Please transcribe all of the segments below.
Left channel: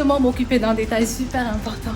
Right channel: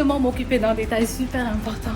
directement m'occuper d'un détail super important.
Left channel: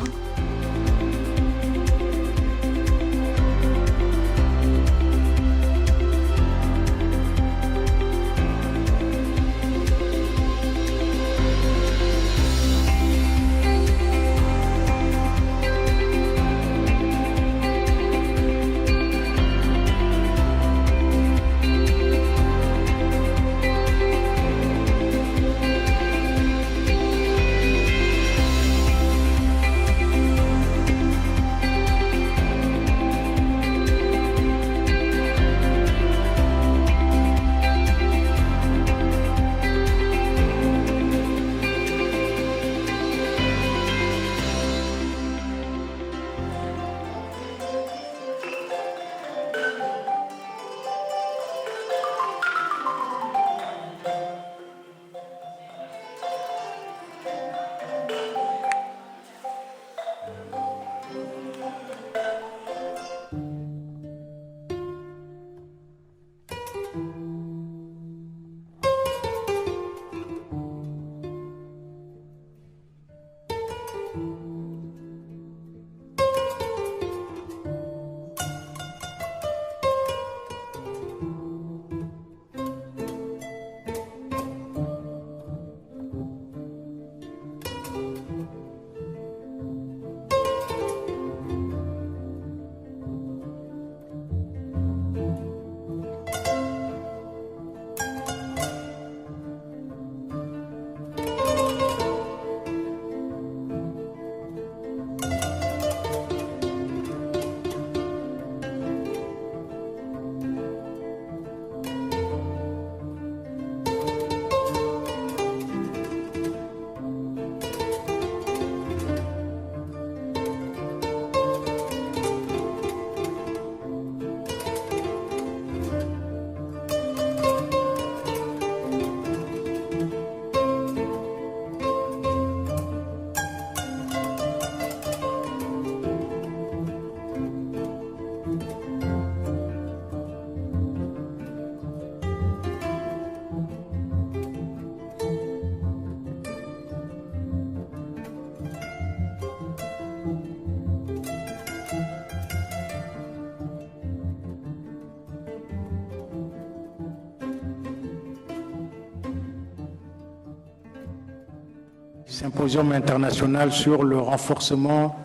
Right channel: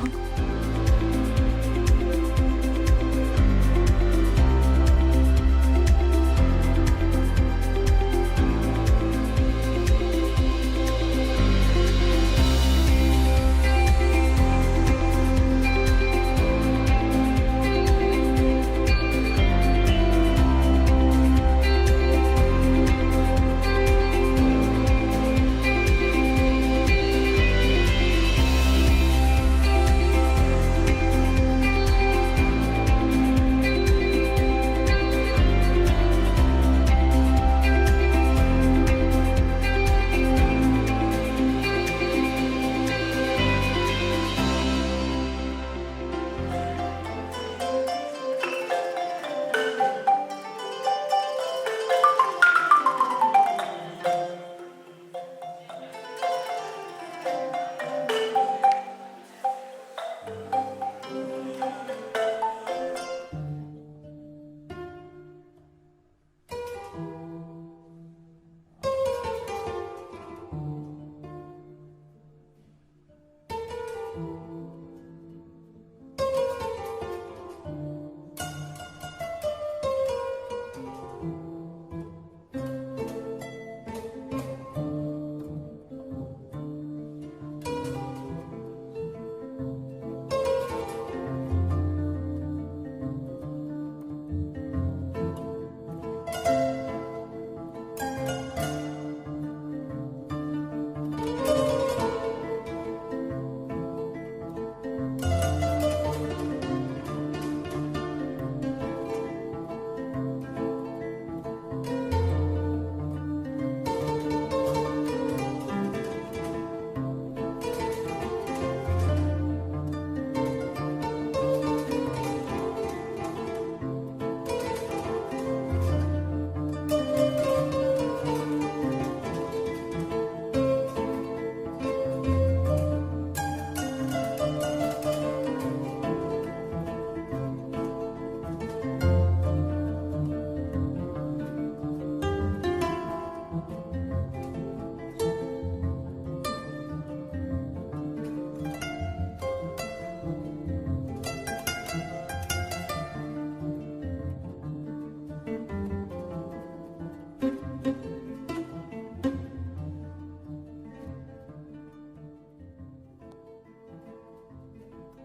Symposium international sur le renforcement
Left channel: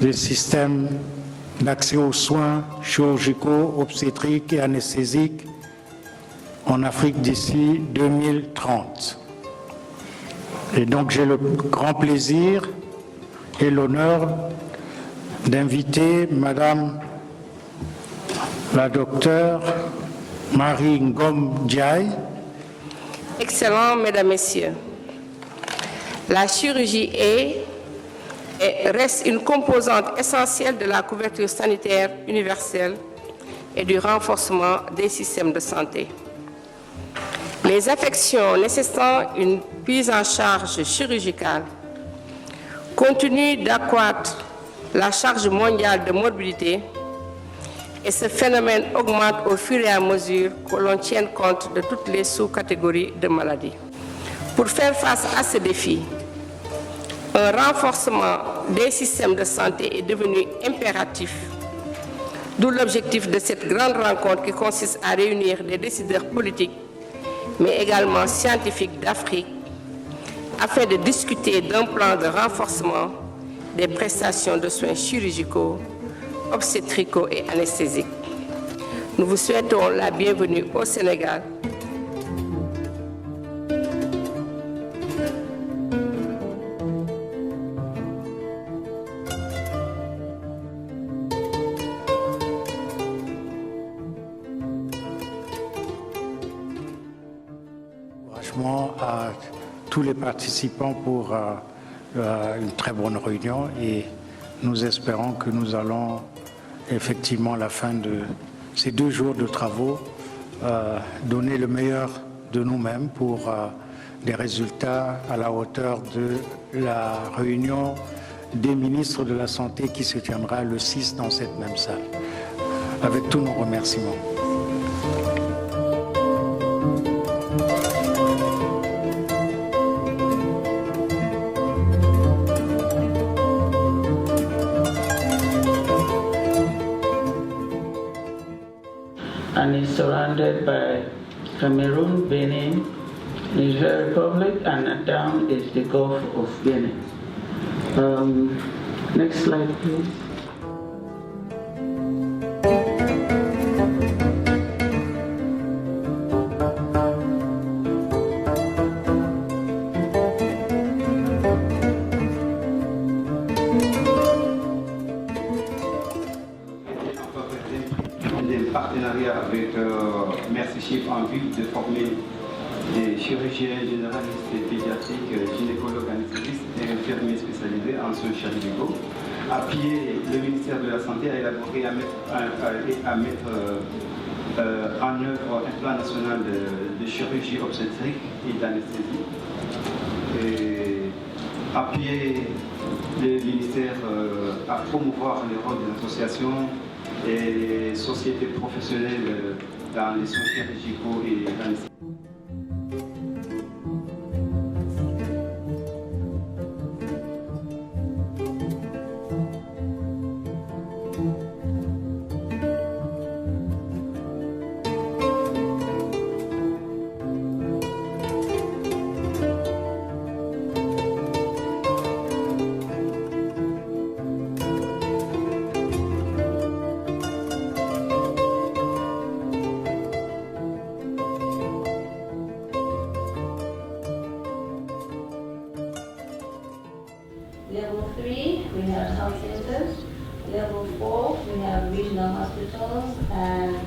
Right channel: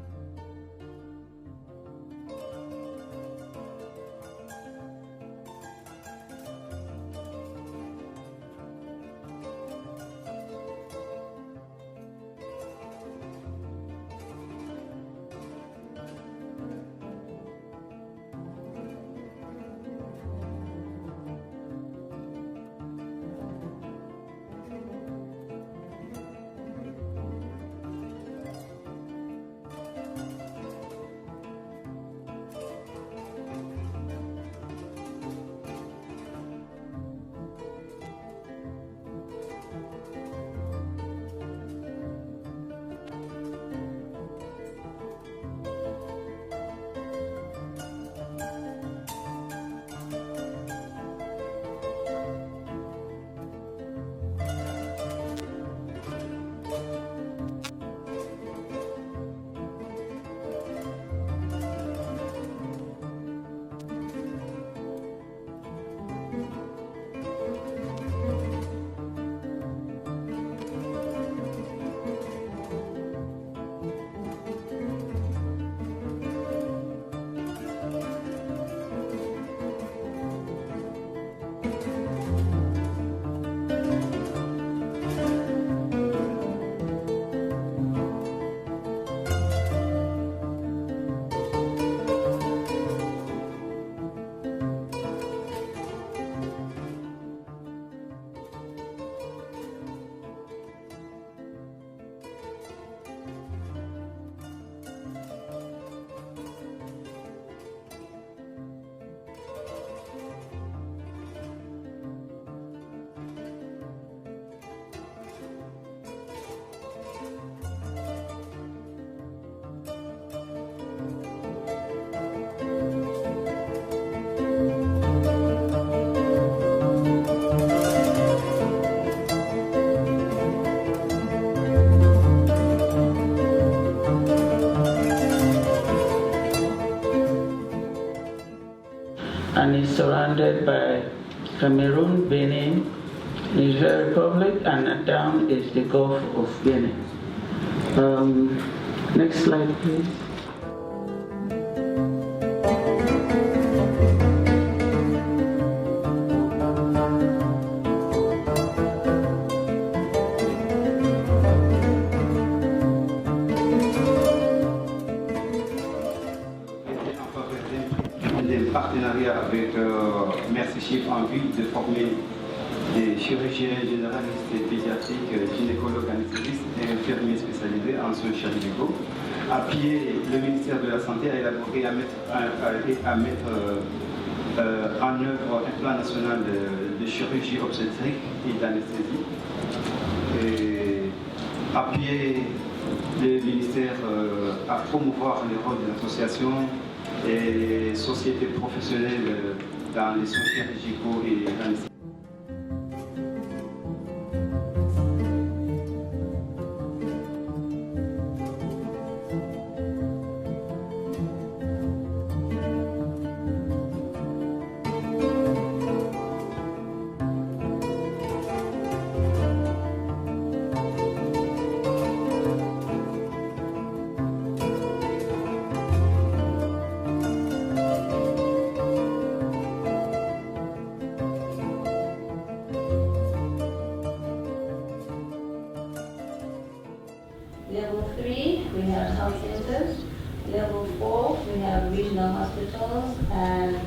des systèmes d'accès aux soins chirurgicaux, obstétriques et anesthésiques en Afrique d'ici 2030. Et donc j'ai le grand plaisir et l'honneur d'inviter Madame la docteure Marie Ngom Ndiaye. Excellents Mesdames, Messieurs, la chirurgie est et reste une composante essentielle de la couverture sanitaire universelle et du renforcement des systèmes de santé. Les affections nécessitant une prise en charge chirurgicale continuent d'accroître la charge mondiale de morbidité et ce phénomène augmente au fur et à mesure que l'on tienne compte de toutes les sous-catégories de maladies. Pour faire face à ce défi, un renforcement des systèmes de santé est devenu impératif, d'où l'objectif de cette grande rencontre qui consiste à réunir des décideurs politiques, mais également scientifiques d'Afrique, afin de discuter d'un plan de renforcement des prestations de soins chirurgicaux, obstétricaux et anesthésiques. Nous vous souhaitons la bienvenue au Sénégal. À tous les participants pour une très bonne réunion et nous espérons que nous allons effectivement à la fin de ces 2 jours de travaux donner le meilleur de nous-mêmes pour des résultats à la hauteur de la réunion des ministres de la Santé qui se tiendra le 6 dans cette même salle. Avec tous nos remerciements. and is surrounded by Cameroon, Benin, Niger Republic, and down is the Gulf of Guinea. Next slide, please. Partenariat avec Merci Chip en vue de former des chirurgiens généralistes et pédiatriques, gynécologues, anesthésistes et infirmiers spécialisés en soins chirurgicaux. Appuyer le ministère de la Santé à élaborer et à mettre en œuvre un plan national de chirurgie obstétrique et d'anesthésie. Appuyer le ministère à promouvoir le rôle des associations et les sociétés professionnelles dans les soins chirurgicaux et l'anesthésie. Level 3, we have health centers. Level 4, we have regional hospitals. And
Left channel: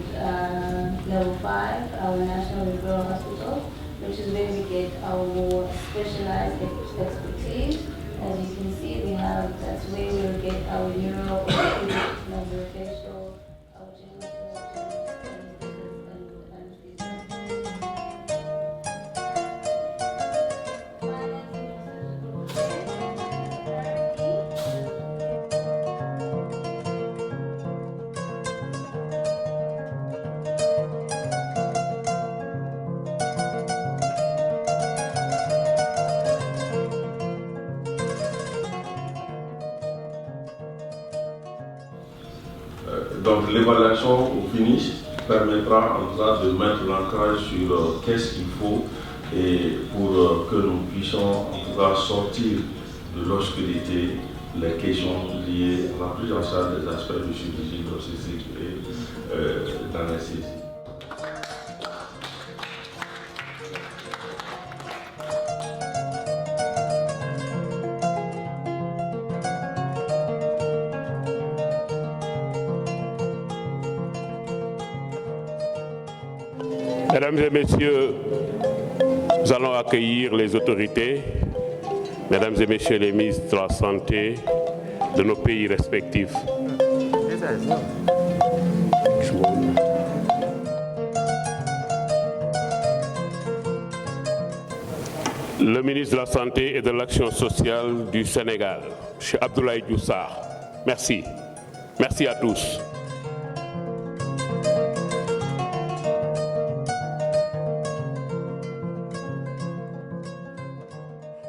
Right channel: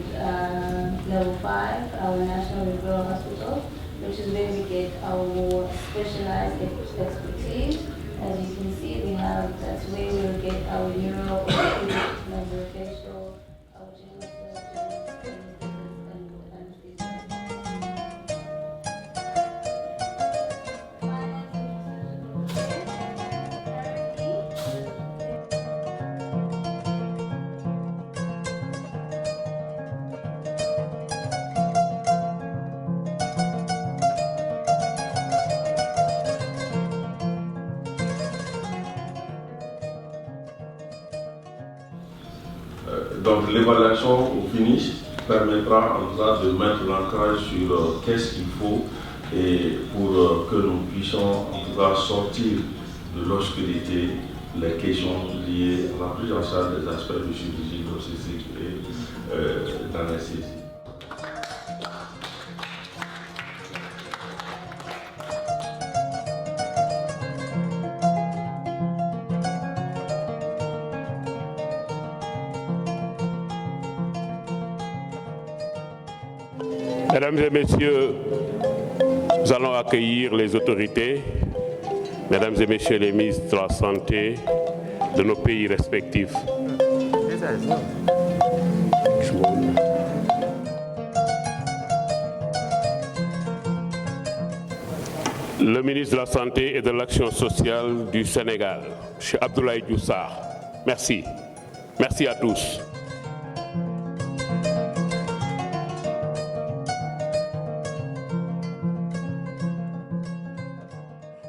level 5, our national referral hospital, which is where we get our more specialized expertise. As you can see, that's where we'll get our neuro, maxillofacial, our general surgeons, and anesthesiologists. Donc l'évaluation au finish permettra en tout cas de mettre l'ancrage sur qu'est-ce qu'il faut et pour que nous puissions en tout cas sortir de l'obscurité les questions liées à la prise en charge des aspects de chirurgie, d'obstétrique et d'anesthésie. Mesdames et messieurs, nous allons accueillir les autorités, mesdames et messieurs les ministres de la Santé de nos pays respectifs. Le ministre de la Santé et de l'Action sociale du Sénégal, M. Abdoulaye Diouf Sarr. Merci. Merci à tous.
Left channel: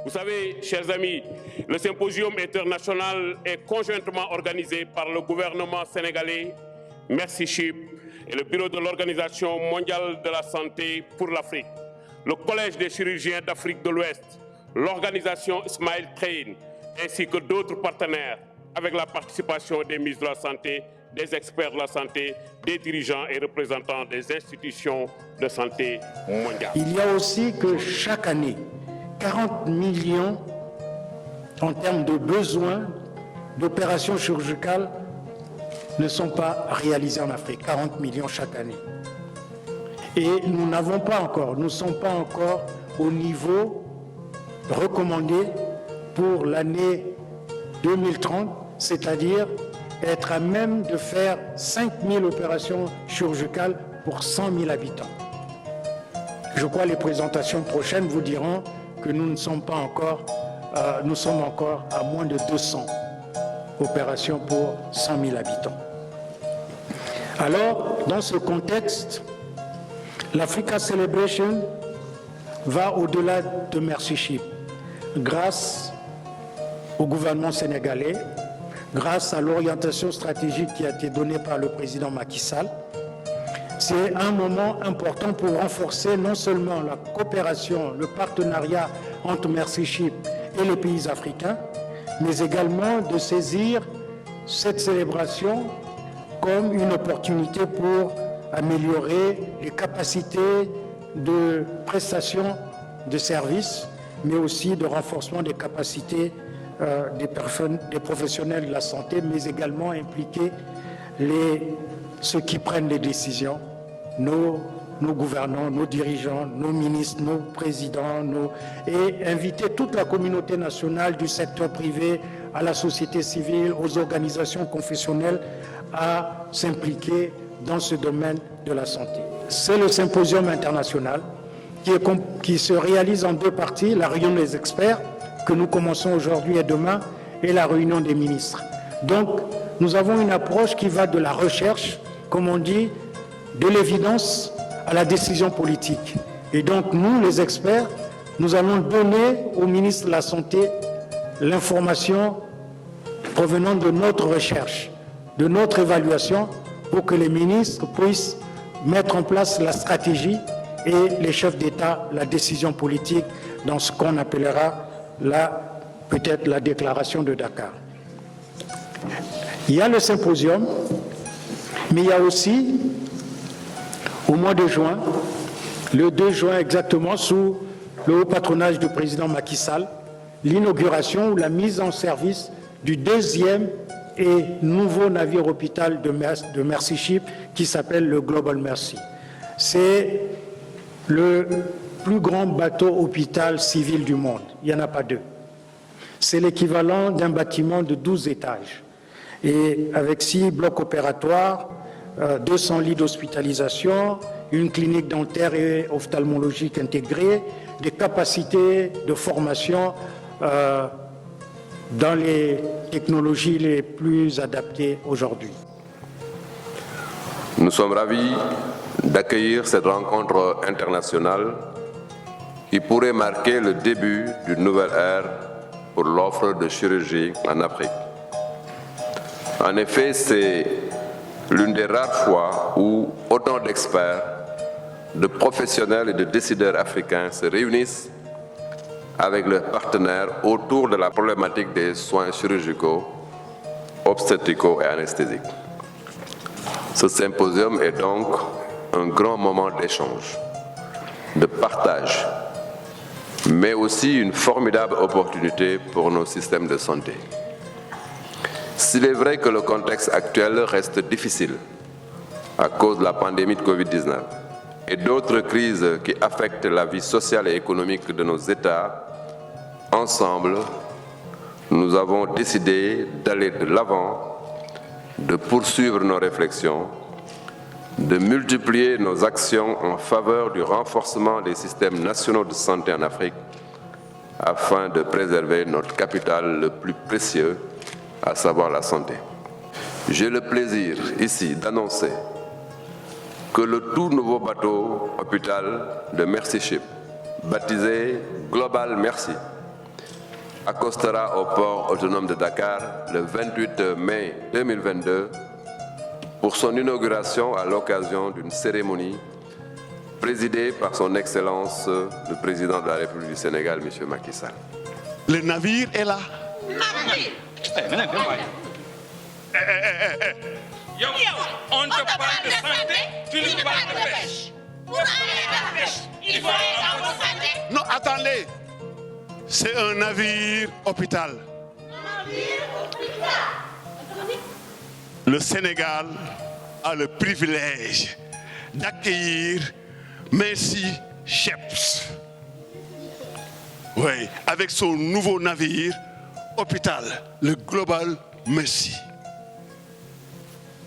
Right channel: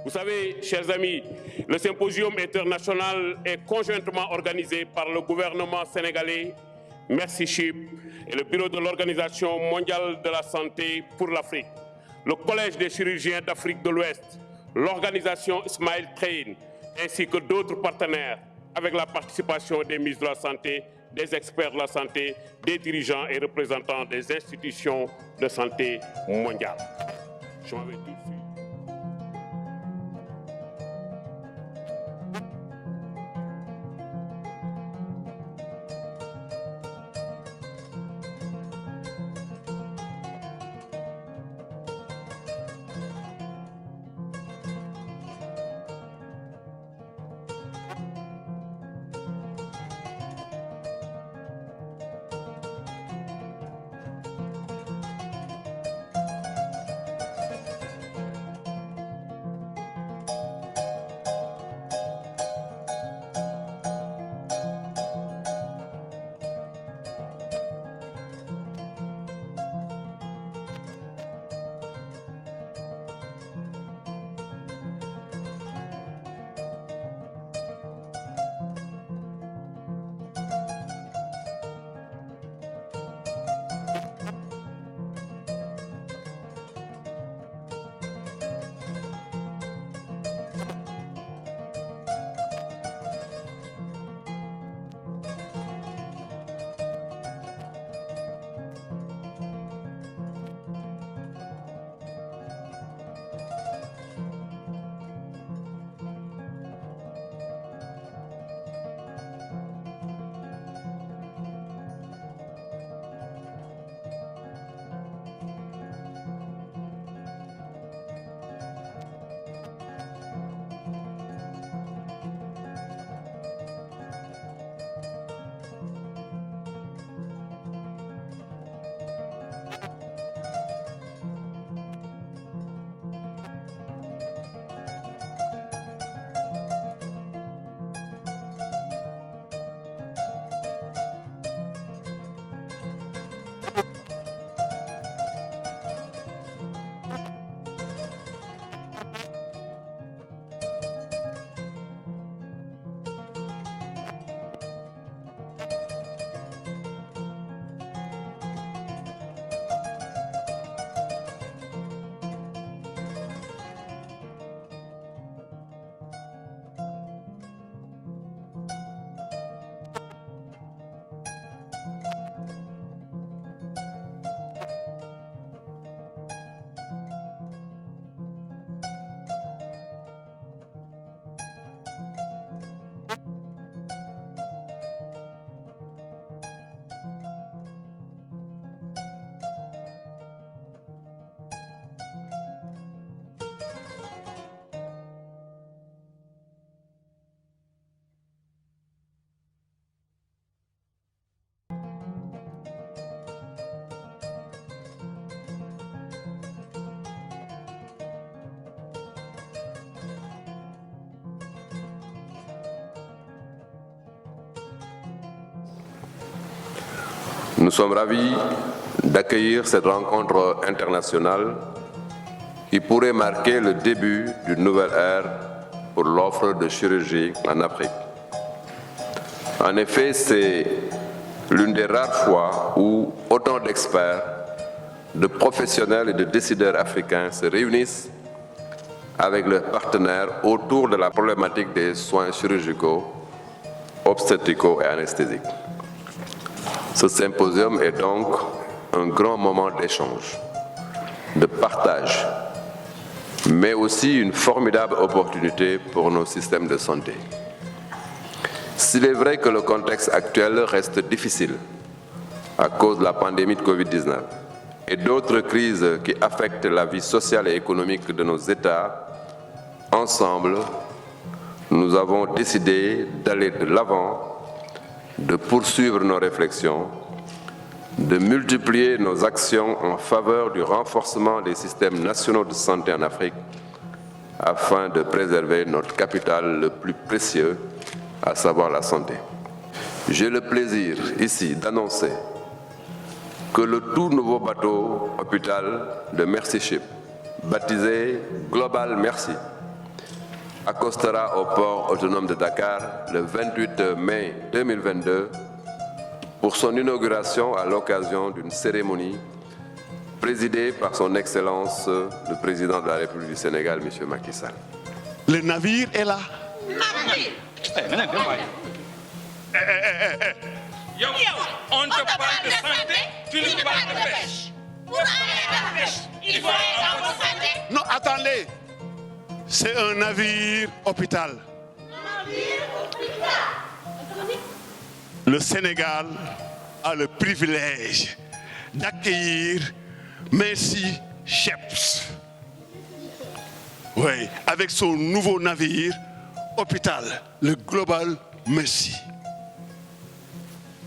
Vous savez, chers amis, le symposium international est conjointement organisé par le gouvernement sénégalais, Merci Chip et le bureau de l'Organisation mondiale de la santé pour l'Afrique, le Collège des chirurgiens d'Afrique de l'Ouest, l'organisation Smile Train, ainsi que d'autres partenaires, avec la participation des ministres de la Santé, des experts de la santé, des dirigeants et représentants des institutions de santé mondiales. Il y a aussi que chaque année, 40 millions en termes de besoins d'opérations chirurgicales ne sont pas réalisés en Afrique. 40 millions chaque année. Et nous n'avons pas encore, nous ne sommes pas encore au niveau recommandé pour l'année 2030, c'est-à-dire être à même de faire 5000 opérations chirurgicales pour 100 000 habitants. Je crois que les présentations prochaines vous diront que nous ne sommes pas encore, nous sommes encore à moins de 200 opérations pour 100 000 habitants. Alors, dans ce contexte, l'Africa Celebration va au-delà de Merci Chip. Grâce au gouvernement sénégalais, grâce à l'orientation stratégique qui a été donnée par le président Macky Sall, c'est un moment important pour renforcer non seulement la coopération, le partenariat entre Mercy Ship et les pays africains, mais également de saisir cette célébration comme une opportunité pour améliorer les capacités de prestation de services, mais aussi de renforcement des capacités des professionnels de la santé, mais également impliquer ceux qui prennent les décisions, nos gouvernants, nos dirigeants, nos ministres, nos présidents, et inviter toute la communauté nationale du secteur privé, à la société civile, aux organisations confessionnelles à s'impliquer dans ce domaine de la santé. C'est le symposium international qui se réalise en deux parties, la réunion des experts que nous commençons aujourd'hui et demain et la réunion des ministres. Donc, nous avons une approche qui va de la recherche, comme on dit, de l'évidence à la décision politique. Et donc, nous, les experts, nous allons donner au ministre de la Santé l'information provenant de notre recherche, de notre évaluation, pour que les ministres puissent mettre en place la stratégie et les chefs d'État la décision politique dans ce qu'on appellera peut-être la déclaration de Dakar. Il y a le symposium, mais il y a aussi, au mois de juin, le 2 juin exactement, sous le haut patronage du président Macky Sall, l'inauguration ou la mise en service du deuxième et nouveau navire hôpital de Mercy Ship qui s'appelle le Global Mercy. C'est le plus grand bateau hôpital civil du monde. Il n'y en a pas deux. C'est l'équivalent d'un bâtiment de 12 étages. Et avec 6 blocs opératoires, 200 lits d'hospitalisation, une clinique dentaire et ophtalmologique intégrée, des capacités de formation dans les technologies les plus adaptées aujourd'hui. Nous sommes ravis d'accueillir cette rencontre internationale qui pourrait marquer le début d'une nouvelle ère pour l'offre de chirurgie en Afrique. En effet, c'est l'une des rares fois où autant d'experts, de professionnels et de décideurs africains se réunissent avec leurs partenaires autour de la problématique des soins chirurgicaux, obstétricaux et anesthésiques. Ce symposium est donc un grand moment d'échange, de partage, mais aussi une formidable opportunité pour nos systèmes de santé. S'il est vrai que le contexte actuel reste difficile à cause de la pandémie de Covid-19 et d'autres crises qui affectent la vie sociale et économique de nos États, ensemble, nous avons décidé d'aller de l'avant, de poursuivre nos réflexions, de multiplier nos actions en faveur du renforcement des systèmes nationaux de santé en Afrique afin de préserver notre capital le plus précieux, à savoir la santé. J'ai le plaisir ici d'annoncer que le tout nouveau bateau hôpital de Mercy Ship, baptisé Global Mercy, accostera au port autonome de Dakar le 28 mai 2022 pour son inauguration à l'occasion d'une cérémonie présidée par son Excellence le Président de la République du Sénégal, M. Macky Sall. Le navire est là. On te parle de santé, tu nous parles de pêche. Pour aller à la pêche, il faut être en bonne santé. Non, attendez. C'est un navire hôpital. Le Sénégal a le privilège d'accueillir Mercy Ships. Oui, avec son nouveau navire hôpital, le Global Mercy.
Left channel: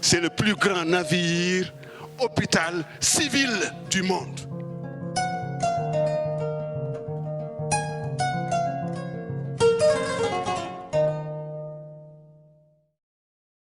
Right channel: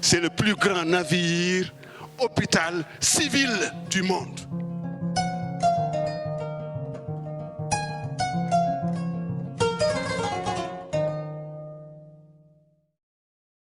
C'est le plus grand navire hôpital civil du monde.